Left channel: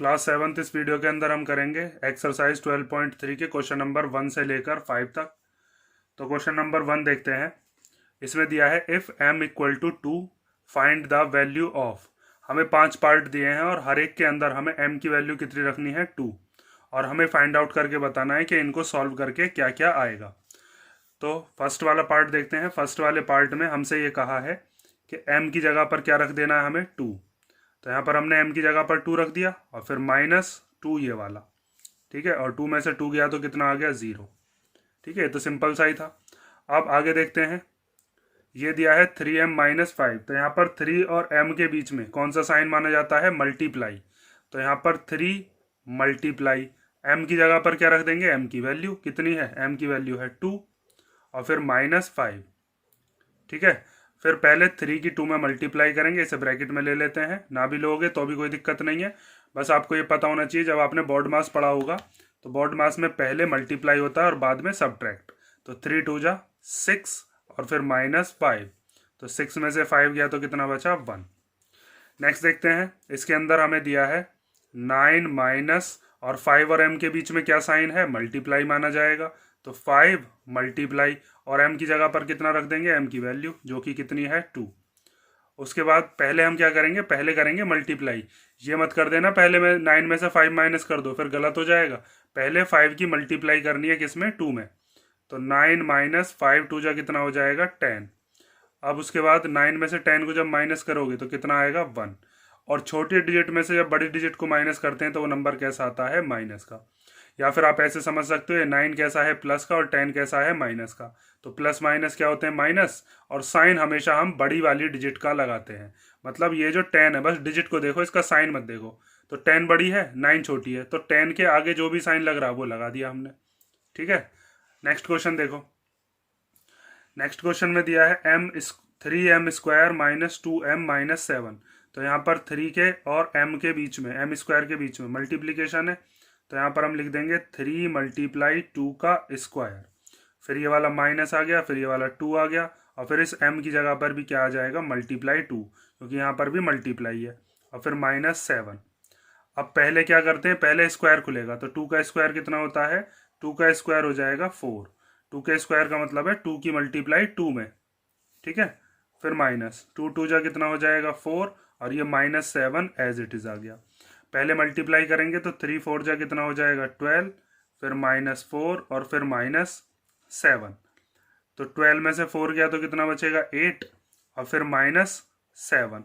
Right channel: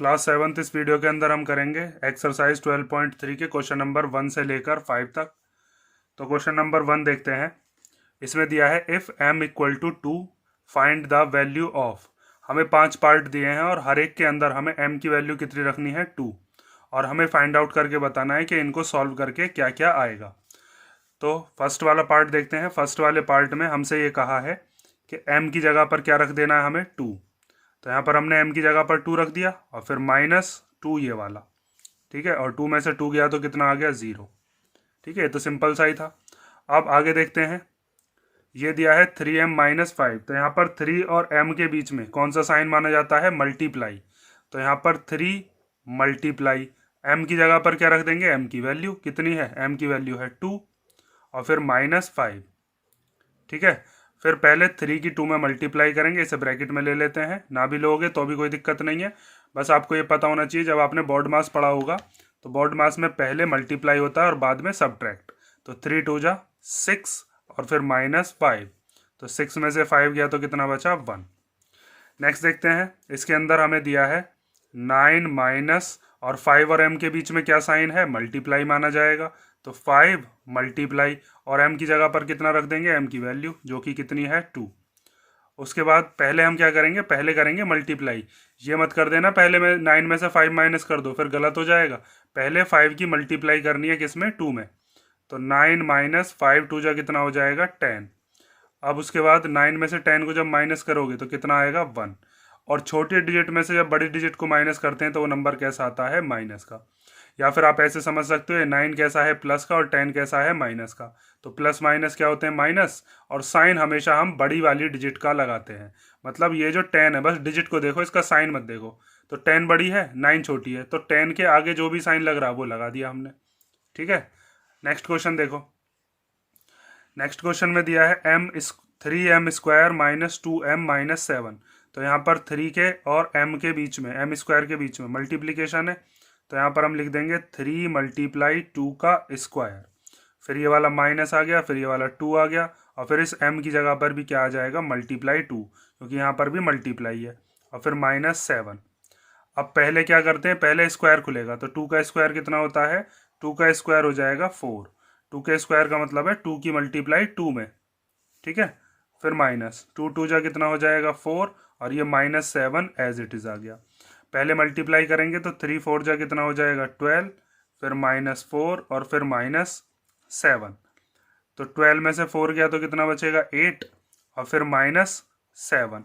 Class 7 इस video के अंदर हम करेंगे एक्सरसाइज 12.3 के क्वेश्चन नंबर 1 से लेकर 5 तक। तो क्वेश्चन नंबर 1 देखते हैं। इसमें दिया है if m equal to 2 find the value of. हमें 5 पार्ट दिए हैं और हर एक के अंदर हमें m की वैल्यू कितनी रखनी है 2, और हमें फाइंड आउट करके बताना है कि इनको सॉल्व करके क्या क्या आएगा। तो फर्स्ट वाला पार्ट देखते हैं। फर्स्ट वाले पार्ट में हमसे ये कहा है कि m की जगह पर क्या रख देना है हमें 2। तो यहाँ पर हमने m की जगह पर 2 रख दिया और फिर -2 ये वाला, ठीक है। और 2 में से 2 गया तो कितना आ गया 0, ठीक है। तो सिंपल सा ही था। अब आगे देखते हैं। ये दिया है 3m - 5। तो यहाँ पर 3 और m के बीच में कौन सा साइन माना जाता है, मल्टीप्लाई। तो यहाँ पर 3 मल्टीप्लाई m की जगह पर क्या रख देंगे, m की वैल्यू कितनी है, m की वैल्यू है 2 और फिर -5, ठीक है। फिर पहले 3 की 2 में मल्टीप्लाई करेंगे, इसे ब्रैकेट में ले लेते हैं। ना भी लोगे तो भी कोई दिक्कत नहीं है, बस आपको ये पता होना चाहिए जब आपने बोर्ड मास पढ़ा होगा तो बोर्ड मास में पहले मल्टीप्लाई होता है और बाद में सब्ट्रैक्ट। तो 3 2 जा 6 और फिर -5, तो 6 में से 5 गया तो कितना बचा 1। नेक्स्ट देखते हैं। इसके अंदर हमें दिया है 9 माइनस और 5 और m के बीच में क्या साइन है, मल्टीप्लाई माना जाएगा। तो 5 मल्टीप्लाई और m की जगह पर कितना रख देंगे, m की वैल्यू जो कि कितनी है 2। उसके बाद पहले हम क्या करेंगे, पहले करेंगे मल्टीप्लाई। ये मत कर देना पहले में 9 में से 5 माइनस कर दो, फिर गलत हो जाएगा। पहले 5 की मल्टीप्लाई करनी है किसमें, 2 में। तो 9 माइनस 5 2 जा कितना हो जाएगा 10। अब उसके बाद 9 में से 10 को जब माइनस करोगे तो कितना आएगा 1। और छोटे डिजिट में से जब बड़ी डिजिट को माइनस करते हैं तो वो नंबर कैसा आता है, माइनस का। या फिर आप ऐसे समझ सकते हो 9 कैसा है, प्लस का, और 10 कैसा है, माइनस का। तो प्लस माइनस क्या होते हैं, माइनस। और साइन हमेशा हम बड़ी वाली डिजिट का लगाते हैं। मतलब ये जो 10 है, बस डिजिट को देखो, इसका साइन मत देखो। तो 10 बड़ी है, 9 छोटी है, तो 10 के आगे जो भी साइन लग रहा है वो लगा दिया हमने, ठीक है। नेक्स्ट क्वेश्चन देखो। नेक्स्ट क्वेश्चन में दिया है 3m² - 2m - 7। तो यहाँ पर 3 के और m के बीच में, m² के बीच में मल्टीप्लीकेशन है। तो यहाँ पर हम लिख देंगे 3 मल्टीप्लाई 2 का स्क्वायर। फिर ये वाला माइनस आ गया, फिर ये वाला 2 आ गया, और फिर इस m की जगह पर भी क्या आ जाएगा, मल्टीप्लाई 2, क्योंकि यहाँ पर भी मल्टीप्लाई है। और फिर -7। अब पहले क्या करते हैं, पहले स्क्वायर खुलेगा। तो 2 का स्क्वायर कितना होता है, 2 का स्क्वायर हो जाएगा 4। 2 के स्क्वायर का मतलब है 2 की मल्टीप्लाई 2 में, ठीक है। फिर -2 2 जा कितना हो जाएगा 4, और ये -7 एज इट इज आ गया। पहले मल्टीप्लाई करेंगे तो 3 4 जा कितना हो जाएगा 12, फिर -4 और फिर -7। तो 12 में से 4 गया तो कितना बचेगा 8, और फिर -7।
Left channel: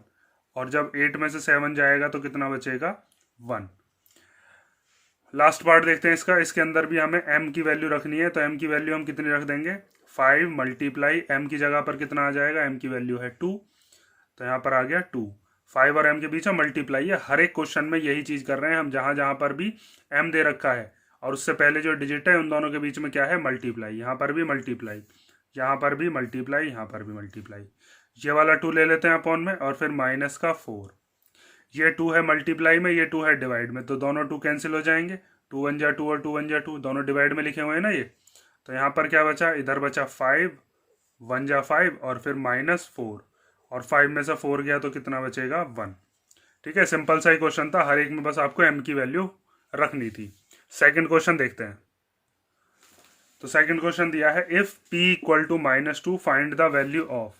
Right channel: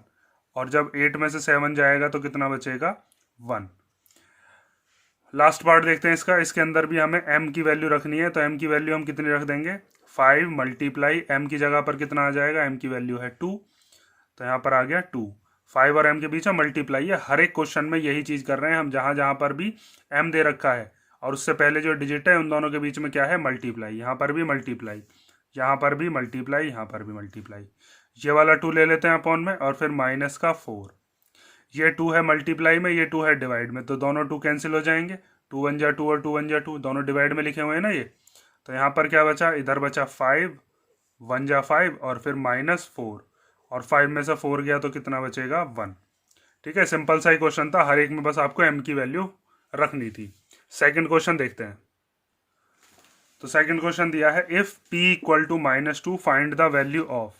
और जब 8 में से 7 जाएगा तो कितना बचेगा 1। लास्ट पार्ट देखते हैं इसका। इसके अंदर भी हमें m की वैल्यू रखनी है। तो m की वैल्यू हम कितनी रख देंगे, 5 मल्टीप्लाई m की जगह पर कितना आ जाएगा, m की वैल्यू है 2। तो यहाँ पर आ गया 2। 5 और m के बीच में मल्टीप्लाई है। हर एक क्वेश्चन में यही चीज कर रहे हैं हम, जहां जहां पर भी m दे रखा है और उससे पहले जो डिजिट है उन दोनों के बीच में क्या है, मल्टीप्लाई। यहाँ पर भी मल्टीप्लाई, यहाँ पर भी मल्टीप्लाई, यहाँ पर भी मल्टीप्लाई। ये वाला 2 ले लेते हैं अपॉन में, और फिर -4। ये 2 है मल्टीप्लाई में, ये 2 है डिवाइड में, तो दोनों 2 कैंसिल हो जाएंगे। 2 1 जा 2 और 2 1 जा 2, दोनों डिवाइड में लिखे हुए हैं ना ये। तो यहाँ पर क्या बचा, इधर बचा 5, 1 जा 5 और फिर -4, और 5 में से 4 गया तो कितना बचेगा 1, ठीक है। सिंपल सा ही क्वेश्चन था, हर एक में बस आपको m की वैल्यू रखनी थी। सेकंड क्वेश्चन देखते हैं। तो सेकंड क्वेश्चन दिया है if p = -2 find the value of.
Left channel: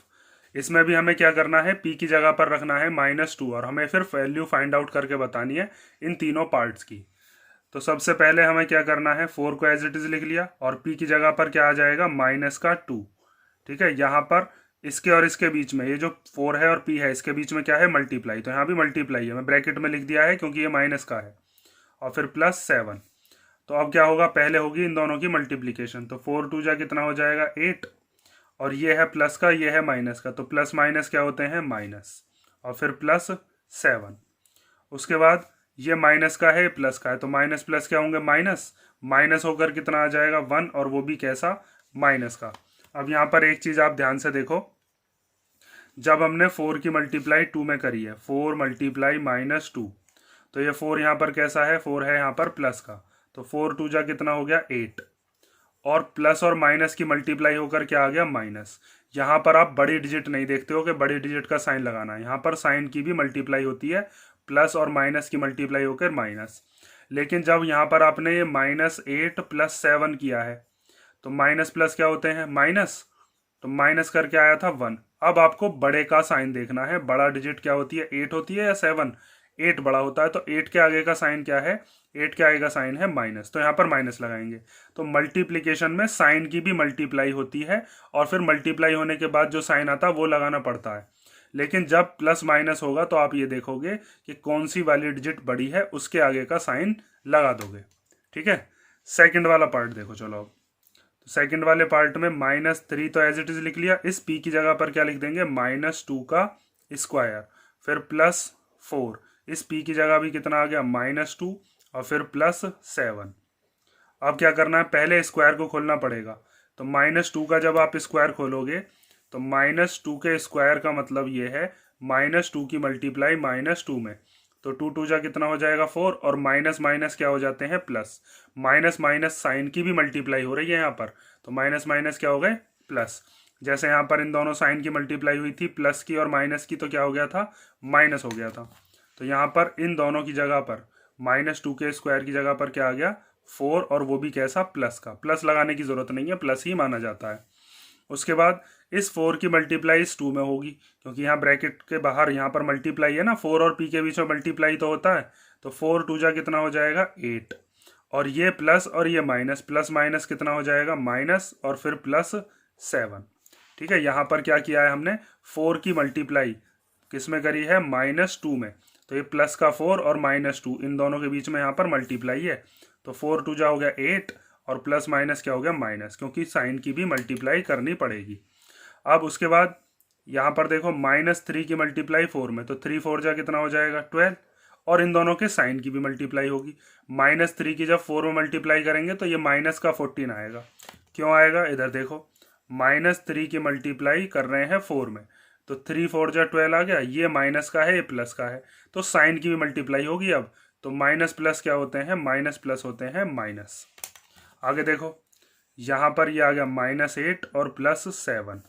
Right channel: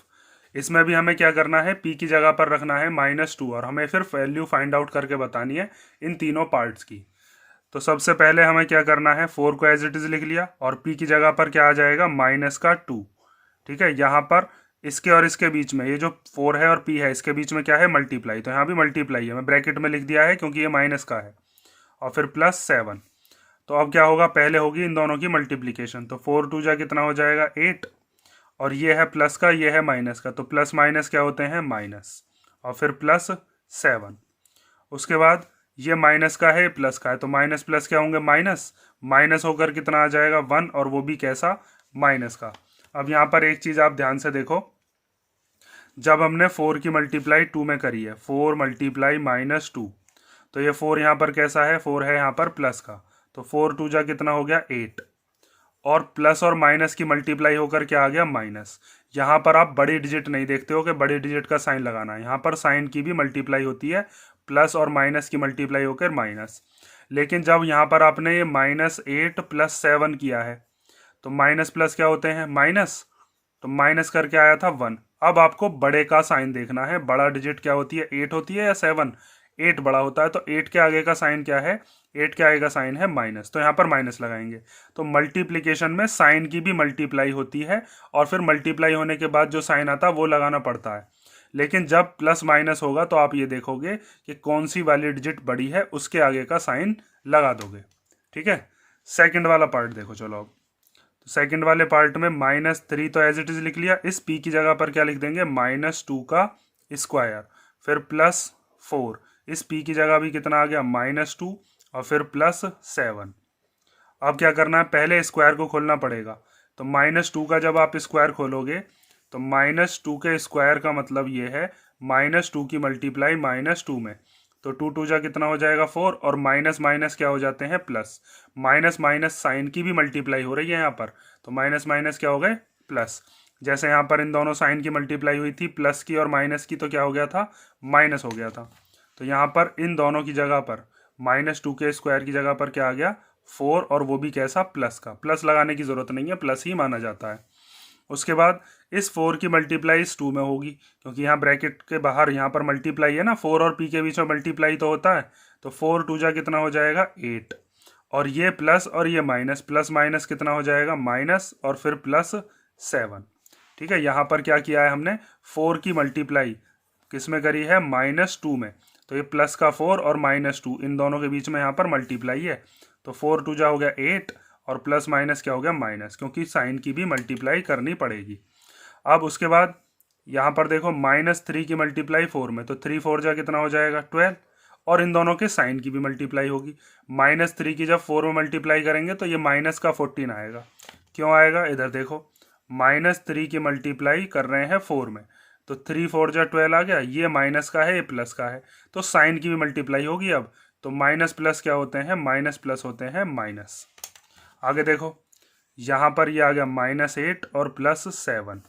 इसमें भी हमें क्या करना है, p की जगह पर रखना है -2, और हमें फिर वैल्यू फाइंड आउट करके बतानी है इन तीनों पार्ट्स की। तो सबसे पहले हमें क्या करना है, 4 को एज इट इज लिख लिया, और p की जगह पर क्या आ जाएगा -2, ठीक है। यहाँ पर इसके और इसके बीच में ये जो 4 है और p है, इसके बीच में क्या है, मल्टीप्लाई। तो यहाँ भी मल्टीप्लाई है, मैं ब्रैकेट में लिख दिया है क्योंकि ये माइनस का है। और फिर +7। तो अब क्या होगा, पहले होगी इन दोनों की मल्टीप्लीकेशन। तो 4 2 जा कितना हो जाएगा 8, और ये है प्लस का, ये है माइनस का, तो प्लस माइनस क्या होते हैं, माइनस। और फिर +7। उसके बाद ये माइनस का है, ये प्लस का है, तो माइनस प्लस क्या होंगे, माइनस। माइनस होकर कितना आ जाएगा 1, और वो भी कैसा, माइनस का। अब यहाँ पर एक चीज आप ध्यान से देखो, जब हमने 4 की मल्टीप्लाई 2 में करी है, 4 मल्टीप्लाई -2, तो ये 4 यहाँ पर कैसा है, 4 है यहाँ पर प्लस का। तो 4 2 जा कितना हो गया 8, और प्लस और माइनस की मल्टीप्लाई होकर क्या आ गया, माइनस। यहाँ पर आप बड़ी डिजिट नहीं देखते हो कि बड़ी डिजिट का साइन लगाना है, यहाँ पर साइन की भी मल्टीप्लाई होती है, प्लस और माइनस की मल्टीप्लाई होकर माइनस। लेकिन जब यहाँ पर आपने ये -8 + 7 किया है तो माइनस प्लस क्या होते हैं, माइनस, तो माइनस करके आया था 1। अब आपको बड़े का साइन देखना है, बड़ा डिजिट क्या होती है, 8 होती है या 7, 8 बड़ा होता है, तो 8 के आगे का साइन क्या है, 8 के आगे का साइन है माइनस, तो यहाँ पर माइनस लगाएंगे। तो मल्टीप्लिकेशन में साइन की भी मल्टीप्लाई होती है और फिर मल्टीप्लाई होने के बाद जो साइन आता है वो लगाना पड़ता है। लेकिन जब प्लस माइनस होगा तो आप ये देखोगे कि कौन सी वाली डिजिट बड़ी है उसके आगे का साइन लगा दोगे। ठीक है, सेकंड वाला पार्ट देखो। चलो अब तो सेकंड वाले पार्ट में -3 तो एज इट इज लिख लिया, इस p की जगह पर क्या लिख देंगे, -2 का स्क्वायर, फिर +4, इस p की जगह भी कितना आ गया, -2, और फिर +7। अब क्या करना है, पहले स्क्वायर को खोलना पड़ेगा। तो -2 का जब आप स्क्वायर खोलोगे तो -2 के स्क्वायर का मतलब ये है -2 की मल्टीप्लाई -2 में, तो 2 2 जा कितना हो जाएगा 4, और माइनस माइनस क्या हो जाते हैं प्लस, माइनस माइनस साइन की भी मल्टीप्लाई हो रही है यहाँ पर, तो माइनस माइनस क्या हो गए प्लस। जैसे यहाँ पर इन दोनों साइन की मल्टीप्लाई हुई थी, प्लस की और माइनस की, तो क्या हो गया था, माइनस हो गया था। तो यहाँ पर इन दोनों की जगह पर -2 के स्क्वायर की जगह पर क्या आ गया 4, और वो भी कैसा, प्लस का। प्लस लगाने की जरूरत नहीं है, प्लस ही माना जाता है। उसके बाद इस 4 की मल्टीप्लाई इस 2 में होगी, क्योंकि यहाँ ब्रैकेट के बाहर यहाँ पर मल्टीप्लाई है ना, 4 और p के बीच में मल्टीप्लाई तो होता है, तो 4 2 जा कितना हो जाएगा 8, और ये प्लस और ये माइनस, प्लस माइनस कितना हो जाएगा माइनस, और फिर +7। ठीक है, यहाँ पर क्या किया है हमने, 4 की मल्टीप्लाई किस में करी है, -2 में, तो ये प्लस का 4 और -2 इन दोनों के बीच में यहाँ पर मल्टीप्लाई है, तो 4 2 जा हो गया 8, और प्लस माइनस क्या हो गया माइनस, क्योंकि साइन की भी मल्टीप्लाई करनी पड़ेगी। अब उसके बाद यहाँ पर देखो -3 की मल्टीप्लाई 4 में, तो 3 4 जा कितना हो जाएगा 12, और इन दोनों के साइन की भी मल्टीप्लाई होगी। -3 की जब 4 में मल्टीप्लाई करेंगे तो ये माइनस का 14 आएगा। क्यों आएगा, इधर देखो, -3 की मल्टीप्लाई कर रहे हैं 4 में, तो 3 4 जा 12 आ गया, ये माइनस का है ये प्लस का है, तो साइन की भी मल्टीप्लाई होगी अब, तो माइनस प्लस क्या होते हैं, माइनस प्लस होते हैं माइनस। आगे देखो, यहाँ पर ये आ गया -8 और +7।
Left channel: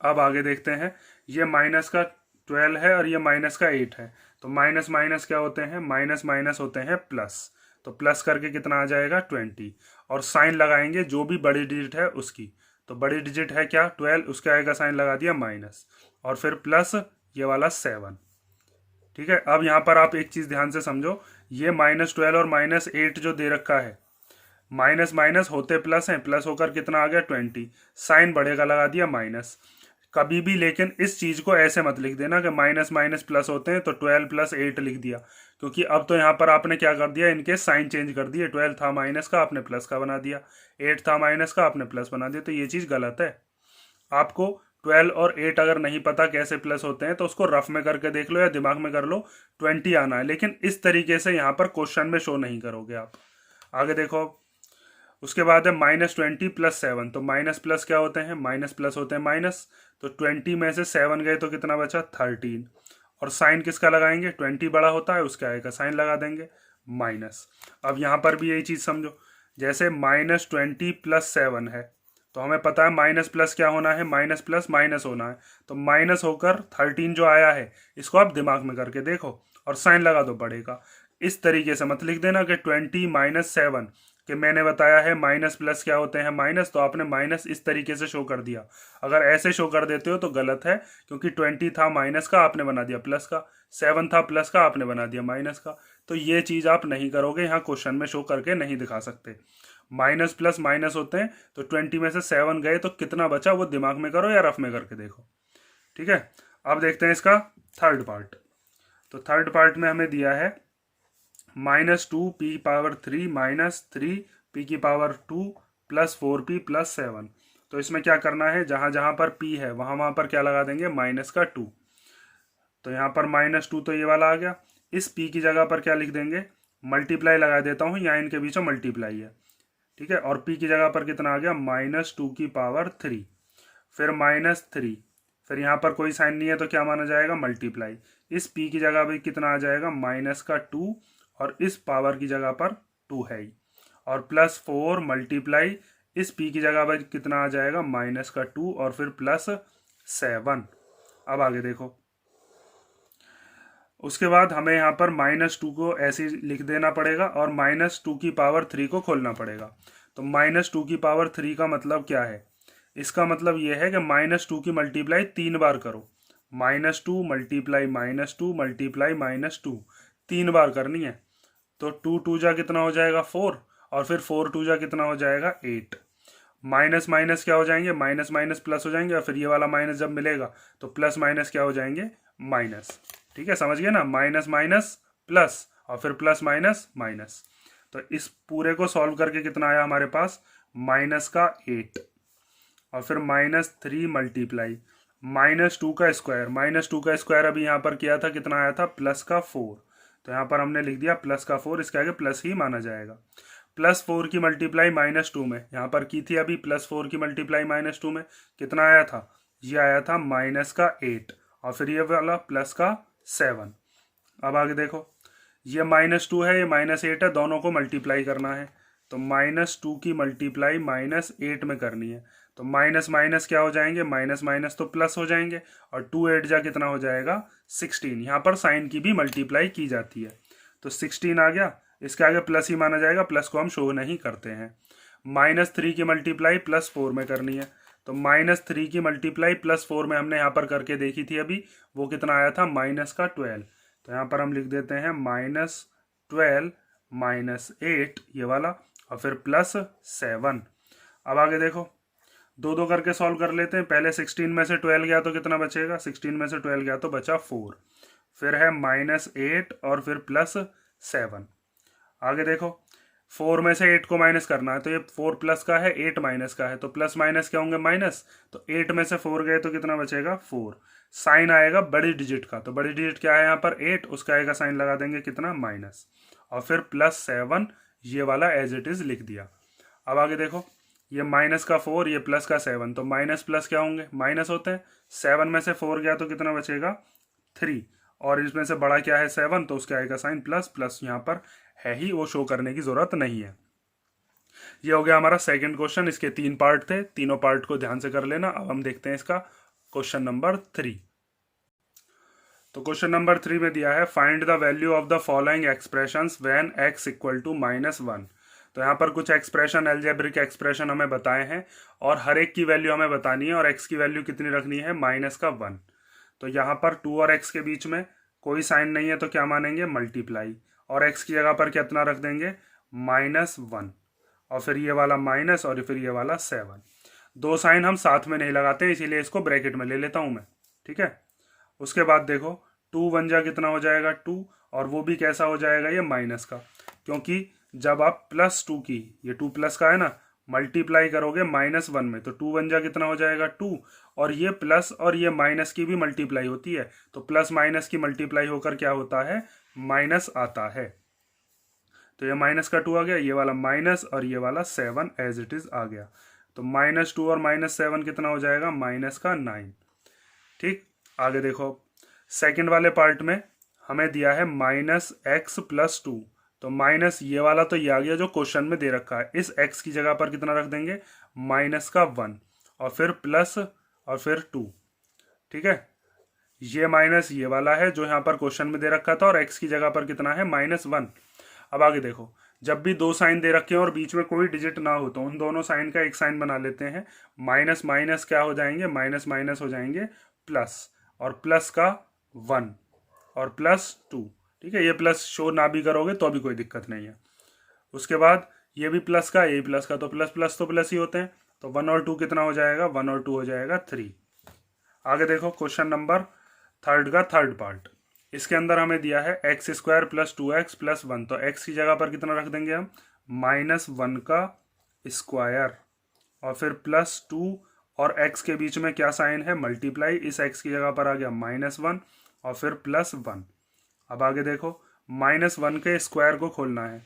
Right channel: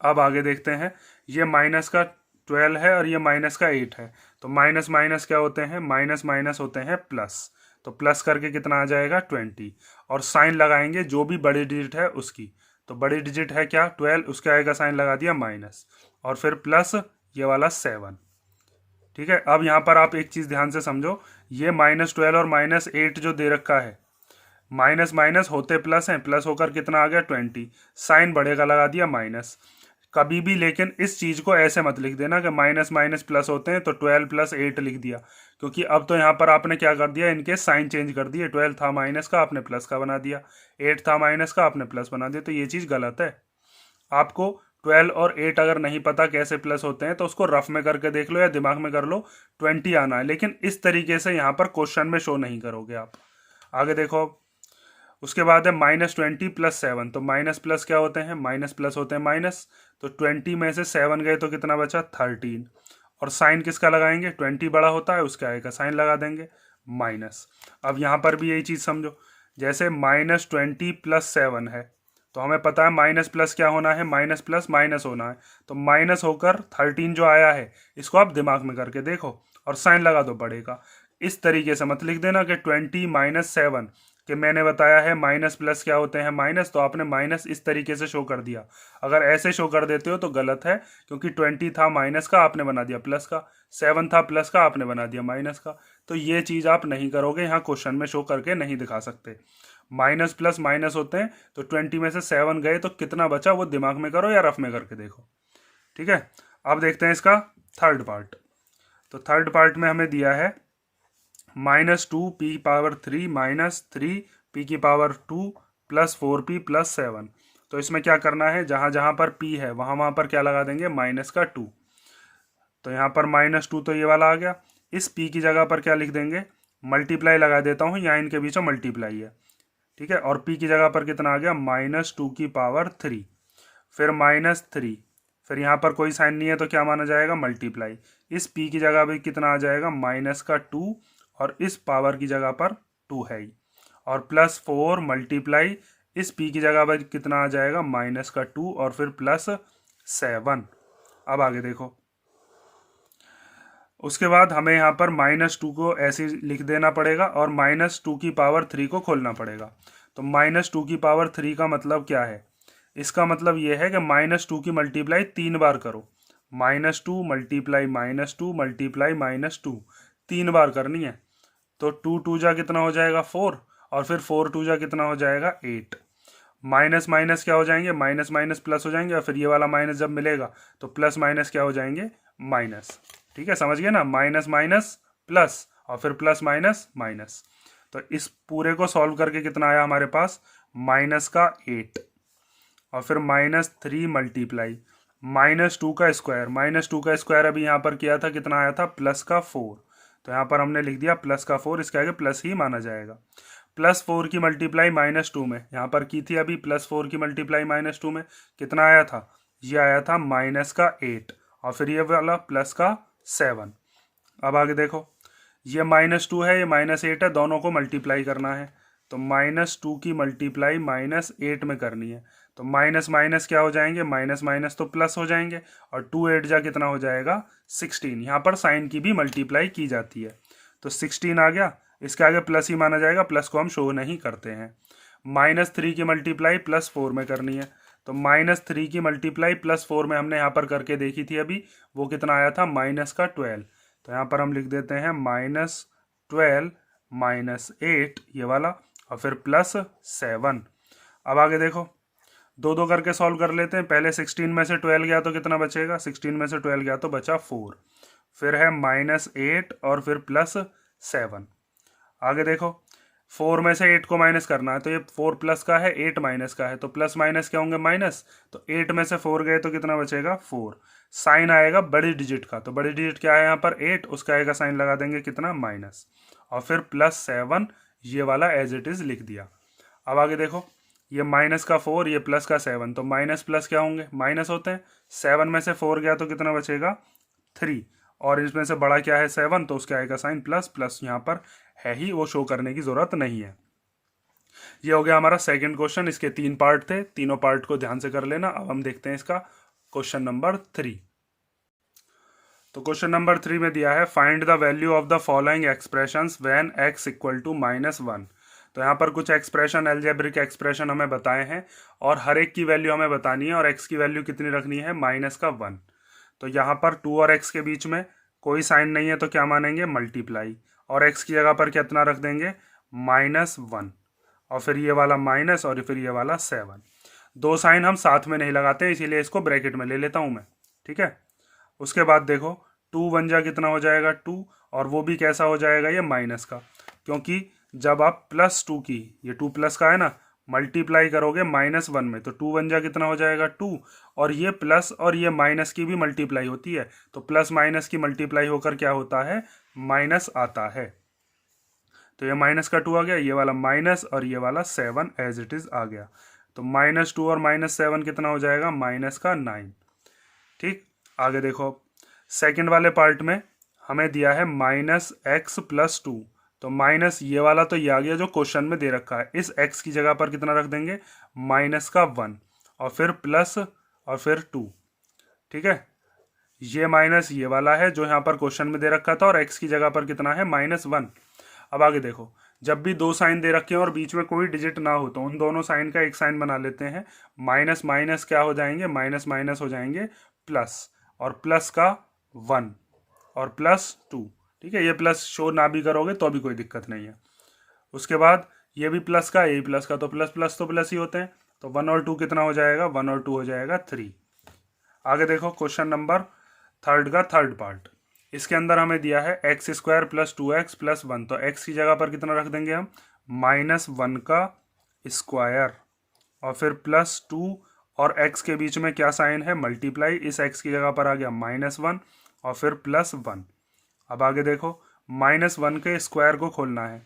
अब आगे देखते हैं, ये माइनस का 12 है और ये माइनस का 8 है, तो माइनस माइनस क्या होते हैं, माइनस माइनस होते हैं प्लस, तो प्लस करके कितना आ जाएगा 20, और साइन लगाएंगे जो भी बड़ी डिजिट है उसकी, तो बड़ी डिजिट है क्या 12, उसके आगे का साइन लगा दिया माइनस, और फिर प्लस ये वाला 7। ठीक है, अब यहाँ पर आप एक चीज़ ध्यान से समझो, ये -12 और -8 जो दे रखा है, माइनस माइनस होते प्लस हैं, प्लस होकर कितना आ गया 20, साइन बड़े का लगा दिया माइनस। कभी भी लेकिन इस चीज को ऐसे मत लिख देना कि माइनस माइनस प्लस होते हैं तो 12 + 8 लिख दिया, क्योंकि अब तो यहाँ पर आपने क्या कर दिया, इनके साइन चेंज कर दिए, 12 था माइनस का आपने प्लस का बना दिया, 8 था माइनस का आपने प्लस बना दिया, तो ये चीज गलत है। आपको 12 और 8 अगर नहीं पता कैसे प्लस होते हैं तो उसको रफ में करके देख लो या दिमाग में कर लो, 20 आना है, लेकिन इस तरीके से यहाँ पर क्वेश्चन में शो नहीं करोगे आप। आगे देखो, उसके बाद है -20 + 7, तो माइनस प्लस क्या होते हैं, माइनस प्लस होते हैं माइनस, तो 20 में से 7 गए तो कितना बचा 13, और साइन किसका लगाएंगे, 20 बड़ा होता है उसके आगे का साइन लगा देंगे माइनस। अब यहाँ पर भी यही चीज़ समझो, जैसे -20 + 7 है, तो हमें पता है माइनस प्लस क्या होना है, माइनस प्लस माइनस होना है, तो माइनस होकर 13 जो आया है इसको आप दिमाग में करके देखो और साइन लगा दो बड़े का। इस तरीके से मत लिख देना कि 20 - 7, कि मैंने बताया है माइनस प्लस क्या होते हैं माइनस, तो आपने माइनस इस तरीके से शो कर दिया। अगर ऐसे शो कर देते हो तो गलत है, क्योंकि 20 था माइनस का आपने बना दिया प्लस का, 7 था प्लस का आपने बना दिया माइनस का, तो ये चीज़ आप नहीं करोगे, यहाँ क्वेश्चन में शो करके नहीं दिखा सकते। माइनस प्लस माइनस होते हैं, तो 20 में से 7 गए तो कितना बचा वो दिमाग में करो या रफ में करके देखो। ठीक है, अब देखते हैं इसका थर्ड पार्ट। तो थर्ड पार्ट में हमें दिया है -2p⁻3 - 3p⁻2 + 4p + 7। तो इसमें क्या करना है, जहाँ जहाँ पर p है वहाँ वहाँ पर क्या लगा देंगे, माइनस का 2, तो यहाँ पर -2 तो ये वाला आ गया, इस p की जगह पर क्या लिख देंगे, मल्टीप्लाई लगा देता हूँ, यहाँ इनके बीच में मल्टीप्लाई है। ठीक है, और p की जगह पर कितना आ गया -2⁻3, फिर -3, फिर यहाँ पर कोई साइन नहीं है तो क्या माना जाएगा मल्टीप्लाई, इस p की जगह भी कितना आ जाएगा -2, और इस पावर की जगह पर 2 है ही, और +4 मल्टीप्लाई इस p की जगह पर कितना आ जाएगा -2, और फिर +7। अब आगे देखो, उसके बाद हमें यहाँ पर -2 को ऐसे लिख देना पड़ेगा और -2⁻³ को खोलना पड़ेगा। तो -2 की पावर 3 का मतलब क्या है? इसका मतलब ये है कि -2 की मल्टीप्लाई 3 बार करो। -2 मल्टीप्लाई -2 मल्टीप्लाई -2 3 बार करनी है। तो 2 2 जा कितना हो जाएगा 4, और फिर 4 2 जा कितना हो जाएगा 8। माइनस माइनस क्या हो जाएंगे, माइनस माइनस प्लस हो जाएंगे, और फिर ये वाला माइनस जब मिलेगा तो प्लस माइनस क्या हो जाएंगे, माइनस। ठीक है, समझ गए ना, माइनस माइनस प्लस और फिर प्लस माइनस माइनस। तो इस पूरे को सॉल्व करके कितना आया हमारे पास, -8 और फिर -3 मल्टीप्लाई -2 का स्क्वायर। -2 का स्क्वायर अभी यहाँ पर किया था, कितना आया था, +4। तो यहाँ पर हमने लिख दिया +4, इसके आगे प्लस ही माना जाएगा। +4 की मल्टीप्लाई -2 में यहाँ पर की थी अभी, +4 की मल्टीप्लाई -2 में कितना आया था, ये आया था -8 और फिर ये वाला +7। अब आगे देखो, ये -2 है, ये -8 है, दोनों को मल्टीप्लाई करना है। तो -2 की मल्टीप्लाई -8 में करनी है। तो माइनस माइनस क्या हो जाएंगे, माइनस माइनस तो प्लस हो जाएंगे, और 2 8 जा कितना हो जाएगा 16। यहाँ पर साइन की भी मल्टीप्लाई की जाती है। तो 16 आ गया, इसके आगे प्लस ही माना जाएगा, प्लस को हम शो नहीं करते हैं। -3 की मल्टीप्लाई +4 में करनी है। तो -3 की मल्टीप्लाई +4 में हमने यहाँ पर करके देखी थी अभी, वो कितना आया था, -12। तो यहाँ पर हम लिख देते हैं -12 -8 ये वाला, और फिर +7। अब आगे देखो, दो दो करके सॉल्व कर लेते हैं। पहले 16 में से 12 गया तो कितना बचेगा, 16 में से 12 गया तो बचा 4, फिर है -8 और फिर +7। आगे देखो, 4 में से 8 को माइनस करना है, तो ये 4 प्लस का है, 8 माइनस का है, तो प्लस माइनस क्या होंगे, माइनस। तो 8 में से 4 गए तो कितना बचेगा 4। साइन आएगा बड़ी डिजिट का, तो बड़ी डिजिट क्या है यहाँ पर 8, उसका आएगा साइन लगा देंगे कितना, माइनस, और फिर +7 ये वाला एज इट इज लिख दिया। अब आगे देखो, ये माइनस का 4, ये प्लस का 7, तो माइनस प्लस क्या होंगे, माइनस होते हैं। 7 में से 4 गया तो कितना बचेगा 3, और इसमें से बड़ा क्या है 7, तो उसके आएगा साइन प्लस, प्लस यहाँ पर है ही, वो शो करने की जरूरत नहीं है। ये हो गया हमारा सेकंड क्वेश्चन। इसके 3 पार्ट थे, तीनों पार्ट को ध्यान से कर लेना। अब हम देखते हैं इसका क्वेश्चन नंबर 3। तो क्वेश्चन नंबर 3 में दिया है, find the value of the following expressions when x equal to -1। तो यहाँ पर कुछ एक्सप्रेशन, अलजेब्रिक एक्सप्रेशन हमें बताए हैं, और हर एक की वैल्यू हमें बतानी है, और x की वैल्यू कितनी रखनी है, -1। तो यहाँ पर 2 और x के बीच में कोई साइन नहीं है, तो क्या मानेंगे, मल्टीप्लाई, और x की जगह पर कितना रख देंगे, -1, और फिर ये वाला माइनस, और फिर ये वाला 7। दो साइन हम साथ में नहीं लगाते, इसीलिए इसको ब्रैकेट में ले लेता हूँ मैं। ठीक है, उसके बाद देखो, 2 1 जा कितना हो जाएगा 2, और वो भी कैसा हो जाएगा, ये माइनस का, क्योंकि जब आप +2 की, ये 2 प्लस का है ना, मल्टीप्लाई करोगे -1 में, तो 2 1 जा कितना हो जाएगा 2, और ये प्लस और ये माइनस की भी मल्टीप्लाई होती है, तो प्लस माइनस की मल्टीप्लाई होकर क्या होता है, माइनस आता है। तो ये माइनस का 2 आ गया, ये वाला माइनस, और ये वाला 7 एज इट इज आ गया। तो -2 और -7 कितना हो जाएगा, -9। ठीक, आगे देखो, सेकंड वाले पार्ट में हमें दिया है -x + 2। तो माइनस ये वाला तो ये आ गया जो क्वेश्चन में दे रखा है, इस x की जगह पर कितना रख देंगे, -1, और फिर प्लस, और फिर 2। ठीक है, ये माइनस ये वाला है जो यहाँ पर क्वेश्चन में दे रखा था, और x की जगह पर कितना है, -1। अब आगे देखो, जब भी दो साइन दे रखे हैं और बीच में कोई डिजिट ना हो, तो उन दोनों साइन का एक साइन बना लेते हैं। माइनस माइनस क्या हो जाएंगे, माइनस माइनस हो जाएंगे प्लस, और प्लस का 1 और +2। ठीक है, ये प्लस शो ना भी करोगे तो भी कोई दिक्कत नहीं है। उसके बाद ये भी प्लस का, ये प्लस का, तो प्लस प्लस तो प्लस ही होते हैं, तो 1 और 2 कितना हो जाएगा, 1 और 2 हो जाएगा 3। आगे देखो, क्वेश्चन नंबर 3 का थर्ड पार्ट, इसके अंदर हमें दिया है x² + 2x + 1। तो x की जगह पर कितना रख देंगे हम, -1 का स्क्वायर, और फिर +2, और x के बीच में क्या साइन है, मल्टीप्लाई, इस x की जगह पर आ गया -1 और फिर +1। अब आगे देखो, -1 के स्क्वायर को खोलना है,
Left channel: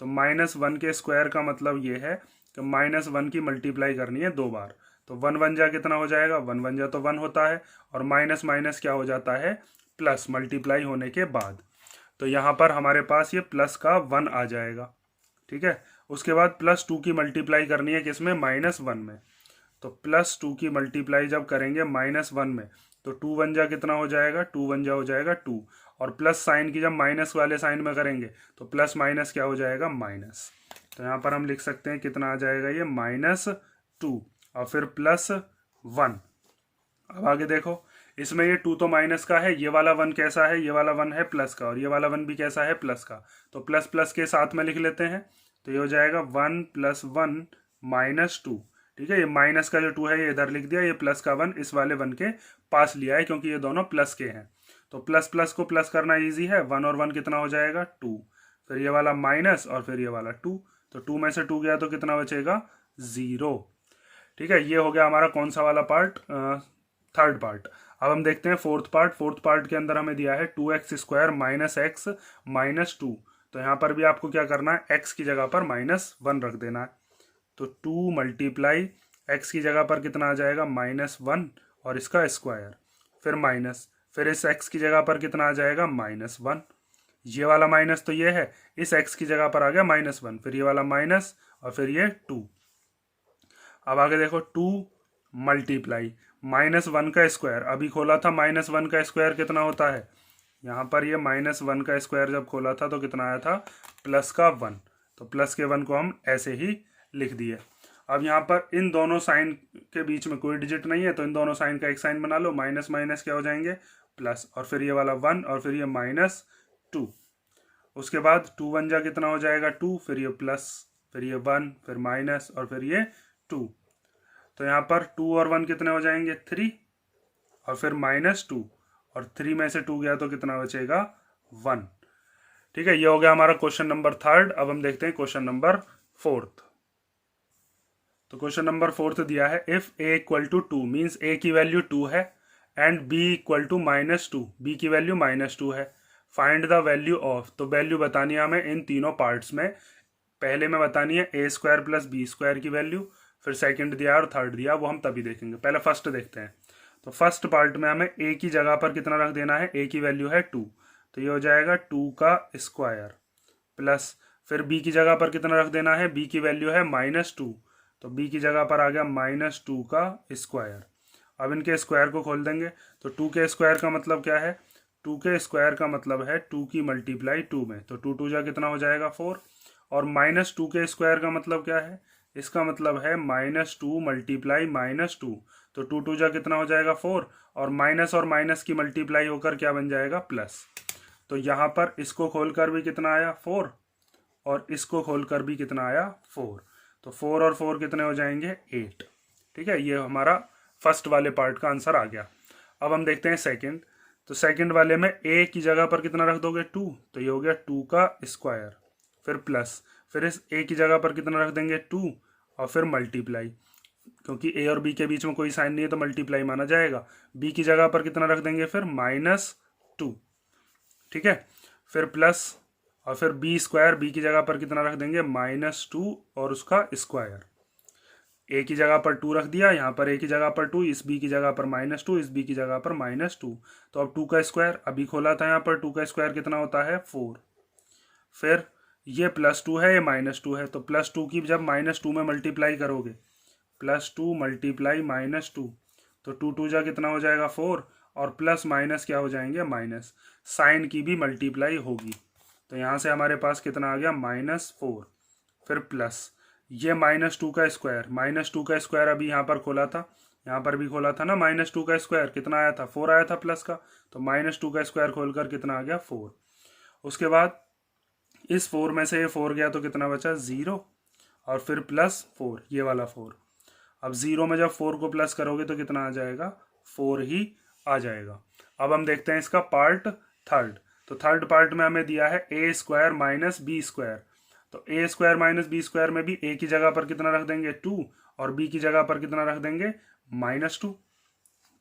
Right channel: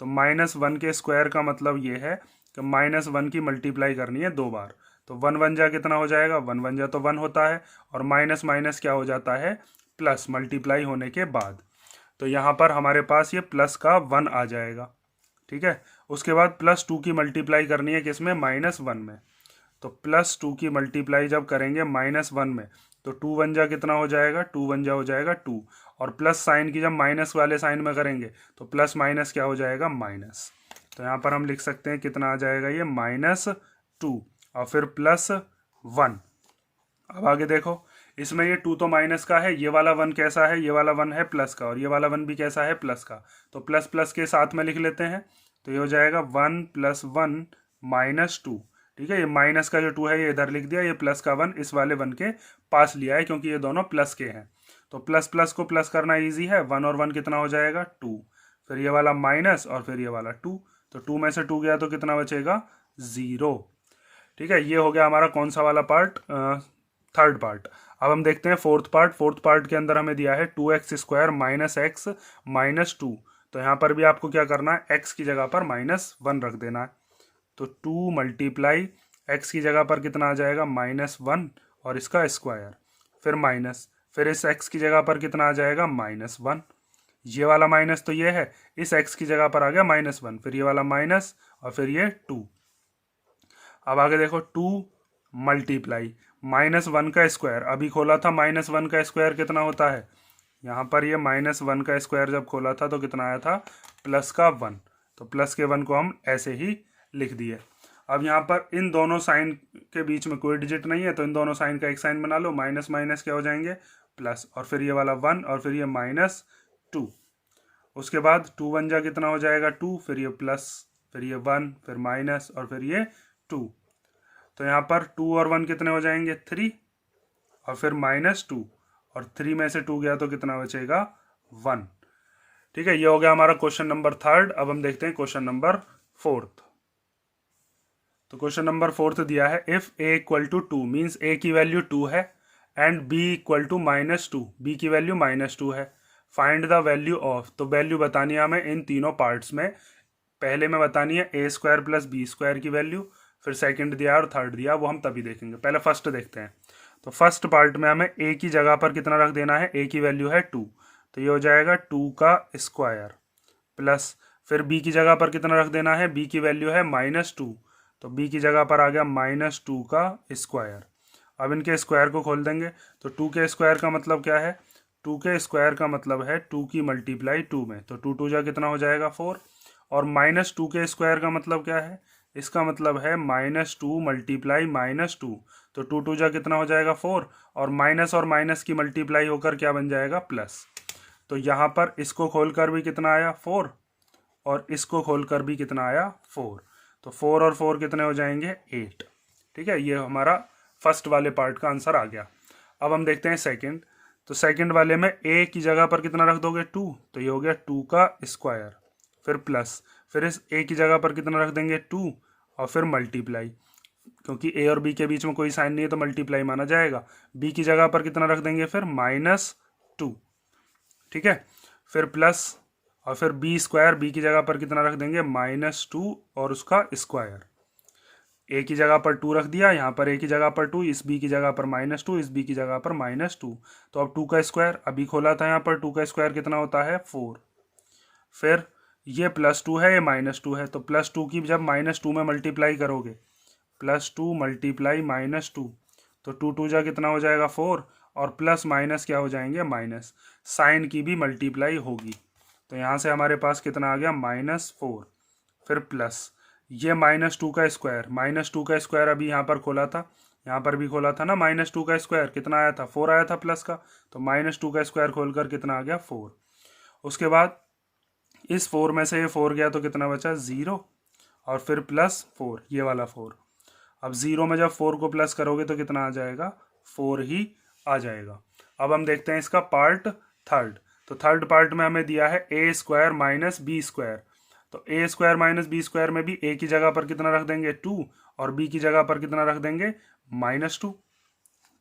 तो -1 के स्क्वायर का मतलब ये है कि -1 की मल्टीप्लाई करनी है 2 बार। तो 1 1 जा कितना हो जाएगा, 1 1 जा तो 1 होता है, और माइनस माइनस क्या हो जाता है, प्लस, मल्टीप्लाई होने के बाद। तो यहाँ पर हमारे पास ये प्लस का 1 आ जाएगा। ठीक है, उसके बाद +2 की मल्टीप्लाई करनी है किसमें, -1 में। तो +2 की मल्टीप्लाई जब करेंगे -1 में, तो 2 1 जा कितना हो जाएगा, 2 1 जा हो जाएगा 2, और प्लस साइन की जब माइनस वाले साइन में करेंगे तो प्लस माइनस क्या हो जाएगा, माइनस। तो यहाँ पर हम लिख सकते हैं कितना आ जाएगा ये, -2 और फिर +1। अब आगे देखो, इसमें ये 2 तो माइनस का है, ये वाला 1 कैसा है, ये वाला 1 है प्लस का, और ये वाला 1 भी कैसा है, प्लस का। तो प्लस प्लस के साथ में लिख लेते हैं, तो ये हो जाएगा 1 + 1 -2। ठीक है, ये माइनस का जो 2 है ये इधर लिख दिया, ये प्लस का 1 इस वाले 1 के पास लिया है क्योंकि ये दोनों प्लस के हैं। तो प्लस प्लस को प्लस करना ईजी है, 1 और 1 कितना हो जाएगा, 2। फिर ये वाला माइनस और फिर ये वाला 2, तो 2 में से 2 गया तो कितना बचेगा, 0। ठीक है, ये हो गया हमारा कौन सा वाला पार्ट, थर्ड पार्ट। अब हम देखते हैं फोर्थ पार्ट। फोर्थ पार्ट के अंदर हमें दिया है 2x² - x -2। तो यहाँ पर भी आपको क्या करना है, x की जगह पर -1 रख देना है। तो 2 × x की जगह पर कितना आ जाएगा, -1 और इसका स्क्वायर, फिर माइनस, फिर इस x की जगह पर कितना आ जाएगा, -1। ये वाला माइनस तो ये है, इस x की जगह पर आ गया -1, फिर ये वाला माइनस और फिर ये 2। अब आगे देखो, 2 × -1 का स्क्वायर, अभी खोला था -1 का स्क्वायर कितना होता है, यहाँ पर ये -1 का स्क्वायर जब खोला था तो कितना आया था, प्लस का 1। तो प्लस के 1 को हम ऐसे ही लिख दिए। अब यहाँ पर इन दोनों साइन के बीच में कोई डिजिट नहीं है, तो इन दोनों साइन का एक साइन बना लो, माइनस माइनस क्या हो जाएंगे, प्लस, और फिर ये वाला 1 और फिर ये -2। उसके बाद 2 × 1 जा कितना हो जाएगा, 2, फिर ये प्लस, फिर ये 1, फिर माइनस और फिर ये 2। तो यहाँ पर 2 और 1 कितने हो जाएंगे, 3, और फिर -2, और 3 में से 2 गया तो कितना बचेगा, 1। ठीक है, ये हो गया हमारा क्वेश्चन नंबर थर्ड। अब हम देखते हैं क्वेश्चन नंबर फोर्थ। तो क्वेश्चन नंबर फोर्थ दिया है, इफ a = 2 मीन्स a की वैल्यू 2 है एंड b = -2, b की वैल्यू -2 है, फाइंड द वैल्यू ऑफ। तो वैल्यू बतानी है हमें इन तीनों पार्ट्स में। पहले में बतानी है a² + b² की वैल्यू, फिर सेकंड दिया और थर्ड दिया, वो हम तभी देखेंगे। पहले फर्स्ट देखते हैं। तो फर्स्ट पार्ट में हमें a की जगह पर कितना रख देना है, a की वैल्यू है 2, तो ये हो जाएगा 2 का स्क्वायर, प्लस फिर b की जगह पर कितना रख देना है, b की वैल्यू है -2, तो b की जगह पर आ गया -2 का स्क्वायर। अब इनके स्क्वायर को खोल देंगे, तो 2 के स्क्वायर का मतलब क्या है, 2 के स्क्वायर का मतलब है 2 की मल्टीप्लाई 2 में, तो 2 2 जा कितना हो जाएगा 4, और -2 के स्क्वायर का मतलब क्या है, इसका मतलब है -2 × -2, तो 2 2 जा कितना हो जाएगा 4, और माइनस की मल्टीप्लाई होकर क्या बन जाएगा, प्लस। तो यहाँ पर इसको खोलकर भी कितना आया 4, और इसको खोलकर भी कितना आया 4, तो 4 और 4 कितने हो जाएंगे 8। ठीक है, ये हमारा फर्स्ट वाले पार्ट का आंसर आ गया। अब हम देखते हैं सेकंड। तो सेकंड वाले में a की जगह पर कितना रख दोगे 2, तो ये हो गया 2 का स्क्वायर, फिर प्लस, फिर इस a की जगह पर कितना रख देंगे 2, और फिर मल्टीप्लाई, क्योंकि a और b के बीच में कोई साइन नहीं है तो मल्टीप्लाई माना जाएगा। b की जगह पर कितना रख देंगे फिर -2, ठीक है, फिर प्लस, और फिर b² b की जगह पर कितना रख देंगे -2 और उसका स्क्वायर। a की जगह पर 2 रख दिया, यहाँ पर a की जगह पर 2, इस b की जगह पर -2, इस b की जगह पर -2, तो अब 2 का स्क्वायर, अभी खोला था यहाँ पर 2 का स्क्वायर कितना होता है 4, फिर ये +2 है, ये -2 है, तो +2 की जब -2 में मल्टीप्लाई करोगे, +2 × -2, तो 2 2 जा कितना हो जाएगा 4, और प्लस माइनस क्या हो जाएंगे माइनस, साइन की भी मल्टीप्लाई होगी, तो यहाँ से हमारे पास कितना आ गया -4, फिर प्लस ये -2 का स्क्वायर, -2 का स्क्वायर अभी यहाँ पर खोला था, यहाँ पर भी खोला था ना, -2 का स्क्वायर कितना आया था 4 आया था प्लस का, तो -2 का स्क्वायर खोलकर कितना आ गया 4। उसके बाद इस 4 में से ये 4 गया तो कितना बचा 0, और फिर +4, ये वाला 4। अब 0 में जब 4 को प्लस करोगे तो कितना आ जाएगा 4 ही आ जाएगा। अब हम देखते हैं इसका पार्ट थर्ड। तो थर्ड पार्ट में हमें दिया है a² - b², तो a² - b² में भी a की जगह पर कितना रख देंगे 2, और b की जगह पर कितना रख देंगे -2,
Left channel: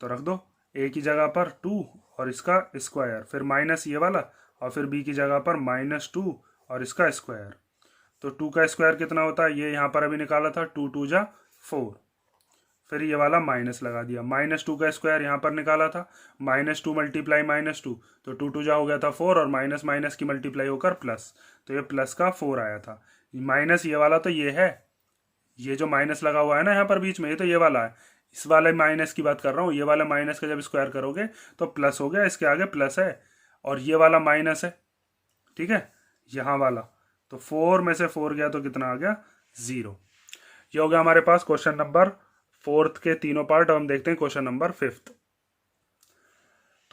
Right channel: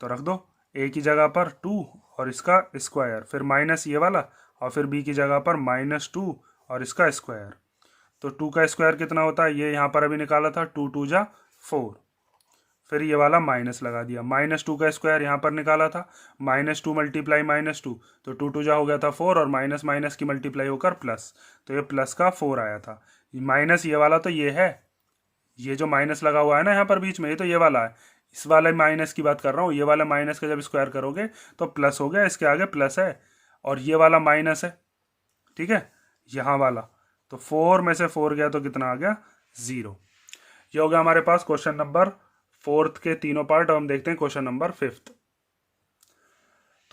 तो रख दो a की जगह पर 2 और इसका स्क्वायर, फिर माइनस ये वाला, और फिर b की जगह पर -2 और इसका स्क्वायर, तो 2 का स्क्वायर कितना होता है, ये यहाँ पर अभी निकाला था, 2 2 जा 4, फिर ये वाला माइनस लगा दिया, -2 का स्क्वायर यहाँ पर निकाला था, -2 × -2, तो 2 2 जा हो गया था 4, और माइनस की मल्टीप्लाई होकर प्लस, तो ये प्लस का 4 आया था। माइनस ये वाला तो ये है, ये जो माइनस लगा हुआ है ना यहाँ पर बीच में, ये तो ये वाला है, इस वाले माइनस की बात कर रहा हूँ, ये वाला माइनस का जब स्क्वायर करोगे तो प्लस हो गया, इसके आगे प्लस है, और ये वाला माइनस है, ठीक है, यहाँ वाला, तो 4 में से 4 गया तो कितना आ गया 0। ये हो गया हमारे पास क्वेश्चन नंबर 4 के तीनों पार्ट। अब हम देखते हैं क्वेश्चन नंबर 5।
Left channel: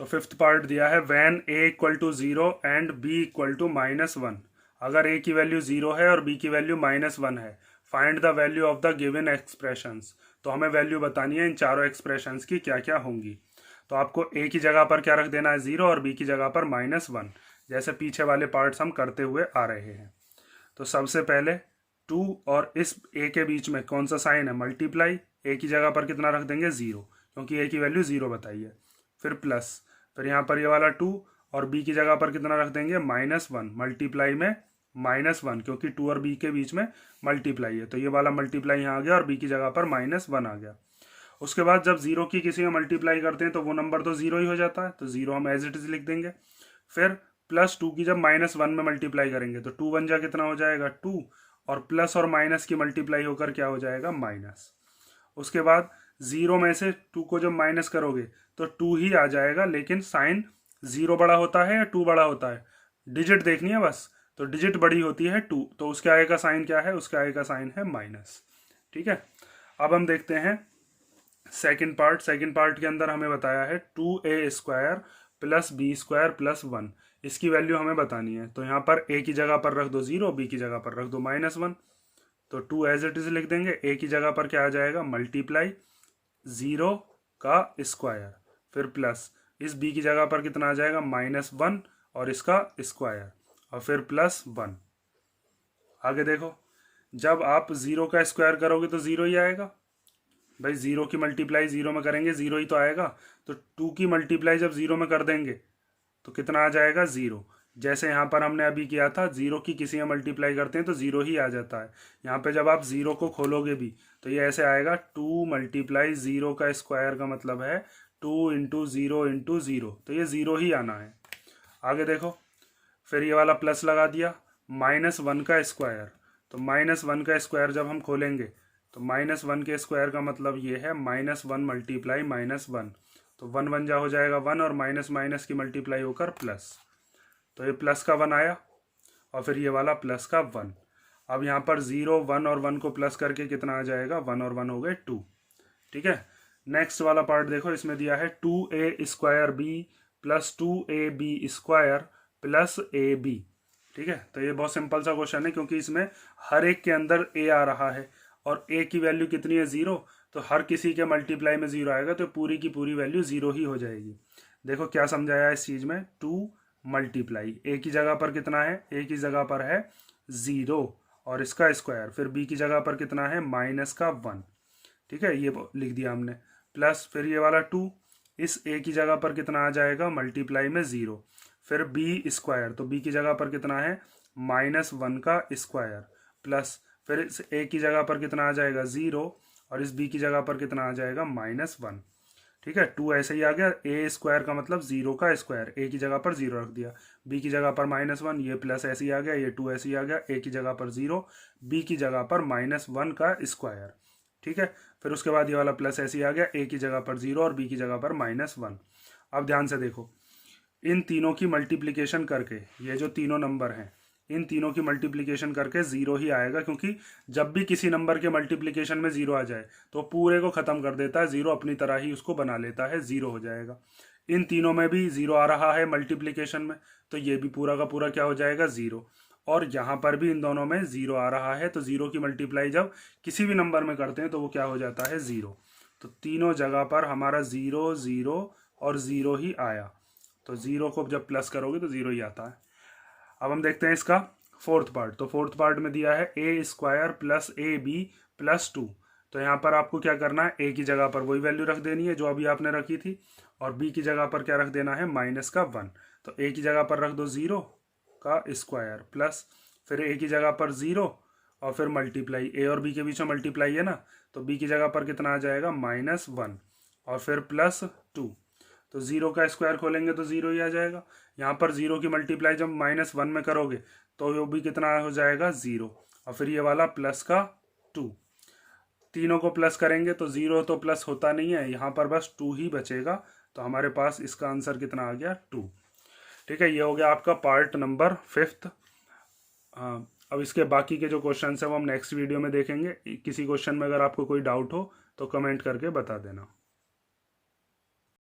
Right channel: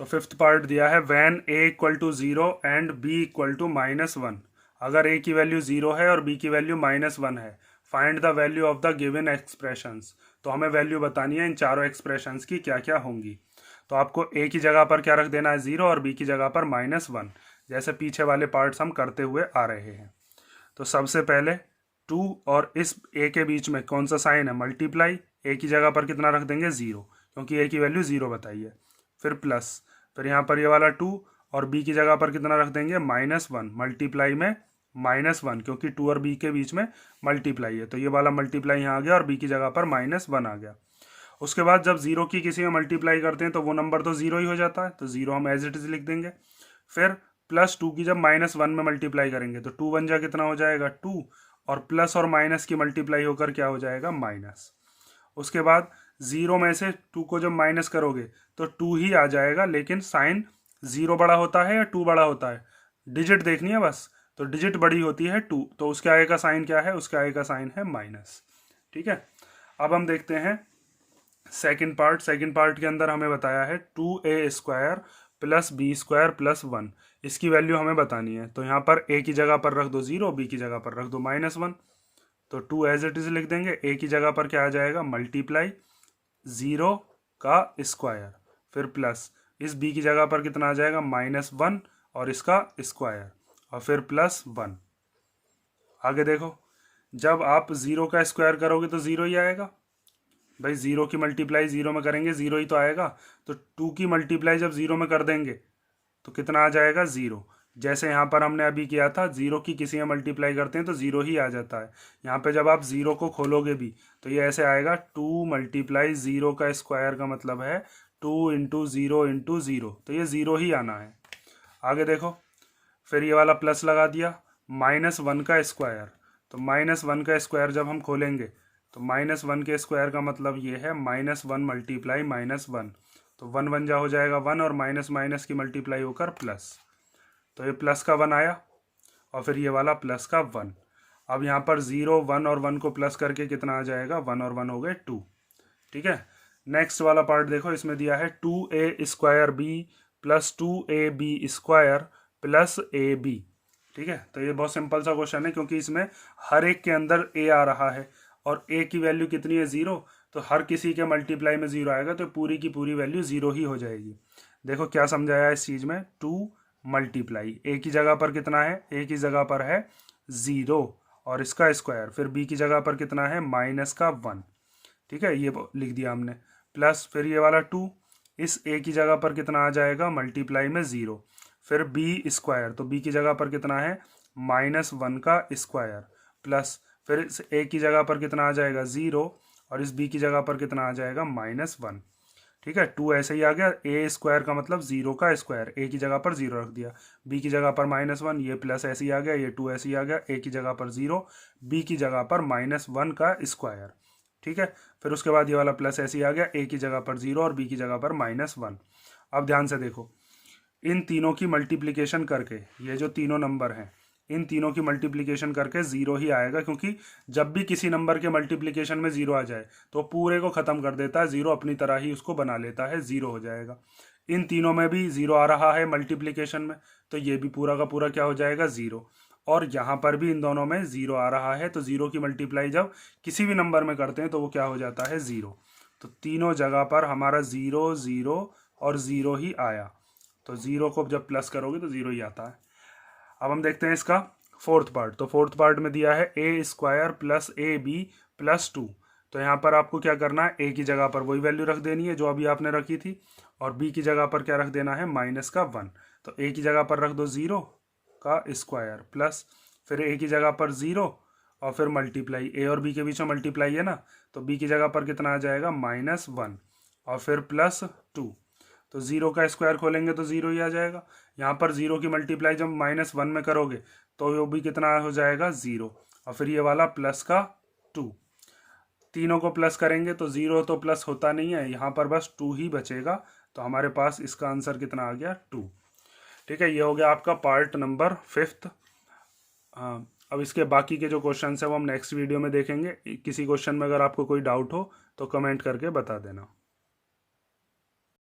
तो 5th पार्ट दिया है when a equal to 0 and b equal to -1। अगर a की वैल्यू 0 है और b की वैल्यू -1 है, find the value of the given expressions. तो हमें वैल्यू बतानी है इन चारों एक्सप्रेशंस की क्या क्या होंगी। तो आपको a की जगह पर क्या रख देना है 0 और b की जगह पर -1, जैसे पीछे वाले पार्ट्स हम करते हुए आ रहे हैं। तो सबसे पहले 2 और इस a के बीच में कौन सा साइन है, मल्टीप्लाई। a की जगह पर कितना रख देंगे 0, क्योंकि a की वैल्यू 0 बताई है। फिर प्लस, फिर यहाँ पर ये वाला 2 और b की जगह पर कितना रख देंगे -1, मल्टीप्लाई में -1, क्योंकि 2 और b के बीच में मल्टीप्लाई है, तो ये वाला मल्टीप्लाई यहाँ आ गया और b की जगह पर -1 आ गया। उसके बाद जब 0 की किसी में मल्टीप्लाई करते हैं तो वो नंबर तो 0 ही हो जाता है, तो 0 हम एज इट इज लिख देंगे। फिर +2 की जब -1 में मल्टीप्लाई करेंगे तो 2 1 जा कितना हो जाएगा 2, और प्लस और माइनस की मल्टीप्लाई होकर क्या हो जाएगा माइनस। उसके बाद 0 में से 2 को जब माइनस करोगे तो 2 ही आ जाएगा, लेकिन साइन 0 बड़ा होता है या 2 बड़ा होता है, डिजिट देखनी है बस। तो डिजिट बड़ी होती है 2, तो उसके आगे का साइन क्या है, उसके आगे का साइन है माइनस। ठीक है, अब हम देखते हैं सेकंड पार्ट। सेकंड पार्ट के अंदर हमें बताया है 2a² + b² + 1। इसकी वैल्यू हमें बतानी है। तो यहाँ पर a की जगह पर रख दो 0, b की जगह पर रख दो -1। तो 2 एज इट इज लिख देंगे। a की जगह पर क्या आ जाएगा मल्टीप्लाई 0 का स्क्वायर, फिर प्लस इस b की जगह पर कितना आ जाएगा -1 और इसका स्क्वायर, और फिर +1। आगे देखो, जब आप 0 का स्क्वायर करोगे तो 0 ही आएगा भाई, 0 की मल्टीप्लाई 0 में करेंगे 0 ही तो आएगा। तो 2 की मल्टीप्लाई जब 0 में कर देंगे तो कितना आ जाएगा 0। जैसे यहाँ पर हमने अभी किया था, 0 की किसी में मल्टीप्लाई करते हैं तो 0 ही आ जाता है। यहाँ पे जब आप 0 को खोलोगे भी तो ये ऐसे आएगा 2 × 0 का स्क्वायर, का मतलब है 2 × 0 × 0, तो ये 0 ही आना है। आगे देखो, फिर ये वाला प्लस लगा दिया, -1 का स्क्वायर। तो -1 का स्क्वायर जब हम खोलेंगे तो -1 के स्क्वायर का मतलब ये है -1 × -1, तो 1 1 जा हो जाएगा 1, और माइनस माइनस की मल्टीप्लाई होकर प्लस, तो ये प्लस का 1 आया, और फिर ये वाला प्लस का 1। अब यहाँ पर 0 1 और 1 को प्लस करके कितना आ जाएगा 1 और 1 हो गए 2। ठीक है, नेक्स्ट वाला पार्ट देखो, इसमें दिया है 2a² b + 2ab² + ab। ठीक है, तो ये बहुत सिंपल सा क्वेश्चन है, क्योंकि इसमें हर एक के अंदर a आ रहा है और a की वैल्यू कितनी है 0, तो हर किसी के मल्टीप्लाई में 0 आएगा, तो पूरी की पूरी वैल्यू 0 ही हो जाएगी। देखो क्या समझाया इस चीज में, 2 मल्टीप्लाई a की जगह पर कितना है, a की जगह पर है 0 और इसका स्क्वायर, फिर b की जगह पर कितना है -1। ठीक है, ये लिख दिया हमने, प्लस फिर ये वाला 2, इस a की जगह पर कितना आ जाएगा मल्टीप्लाई में 0, फिर b², तो b की जगह पर कितना है -1 का स्क्वायर, प्लस फिर इस a की जगह पर कितना आ जाएगा 0, और इस b की जगह पर कितना आ जाएगा -1। ठीक है, 2 ऐसे ही आ गया, a² का मतलब 0 का स्क्वायर, a की जगह पर 0 रख दिया, b की जगह पर -1, ये प्लस ऐसे ही आ गया, ये 2 ऐसे ही आ गया, a की जगह पर 0, b की जगह पर -1 का स्क्वायर। ठीक है, फिर उसके बाद ये वाला प्लस ऐसे ही आ गया, a की जगह पर 0 और b की जगह पर -1। अब ध्यान से देखो, इन तीनों की मल्टीप्लिकेशन करके, ये जो तीनों नंबर हैं इन तीनों की मल्टीप्लिकेशन करके 0 ही आएगा, क्योंकि जब भी किसी नंबर के मल्टीप्लिकेशन में 0 आ जाए तो पूरे को खत्म कर देता है, 0 अपनी तरह ही उसको बना लेता है, 0 हो जाएगा। इन तीनों में भी 0 आ रहा है मल्टीप्लिकेशन में, तो ये भी पूरा का पूरा क्या हो जाएगा 0, और यहाँ पर भी इन दोनों में 0 आ रहा है, तो 0 की मल्टीप्लाई जब किसी भी नंबर में करते हैं तो वो क्या हो जाता है 0। तो तीनों जगह पर हमारा 0 0 और 0 ही आया, तो 0 को जब प्लस करोगे तो 0 ही आता है। अब हम देखते हैं इसका फोर्थ पार्ट। तो फोर्थ पार्ट में दिया है a² + ab + 2। तो यहाँ पर आपको क्या करना है, a की जगह पर वही वैल्यू रख देनी है जो अभी आपने रखी थी, और b की जगह पर क्या रख देना है -1। तो a की जगह पर रख दो 0 का स्क्वायर, प्लस फिर a की जगह पर 0 और फिर मल्टीप्लाई, a और b के बीच में मल्टीप्लाई है ना, तो b की जगह पर कितना आ जाएगा -1 और फिर +2। तो 0 का स्क्वायर खोलेंगे तो 0 ही आ जाएगा। यहाँ पर 0 की मल्टीप्लाई जब -1 में करोगे तो वो भी कितना हो जाएगा 0, और फिर ये वाला प्लस का 2। तीनों को प्लस करेंगे तो 0 तो प्लस होता नहीं है, यहाँ पर बस 2 ही बचेगा, तो हमारे पास इसका आंसर कितना आ गया 2। ठीक है, ये हो गया आपका पार्ट नंबर 5। अब इसके बाकी के जो क्वेश्चन है वो हम नेक्स्ट वीडियो में देखेंगे। किसी क्वेश्चन में अगर आपको कोई डाउट हो तो कमेंट करके बता देना।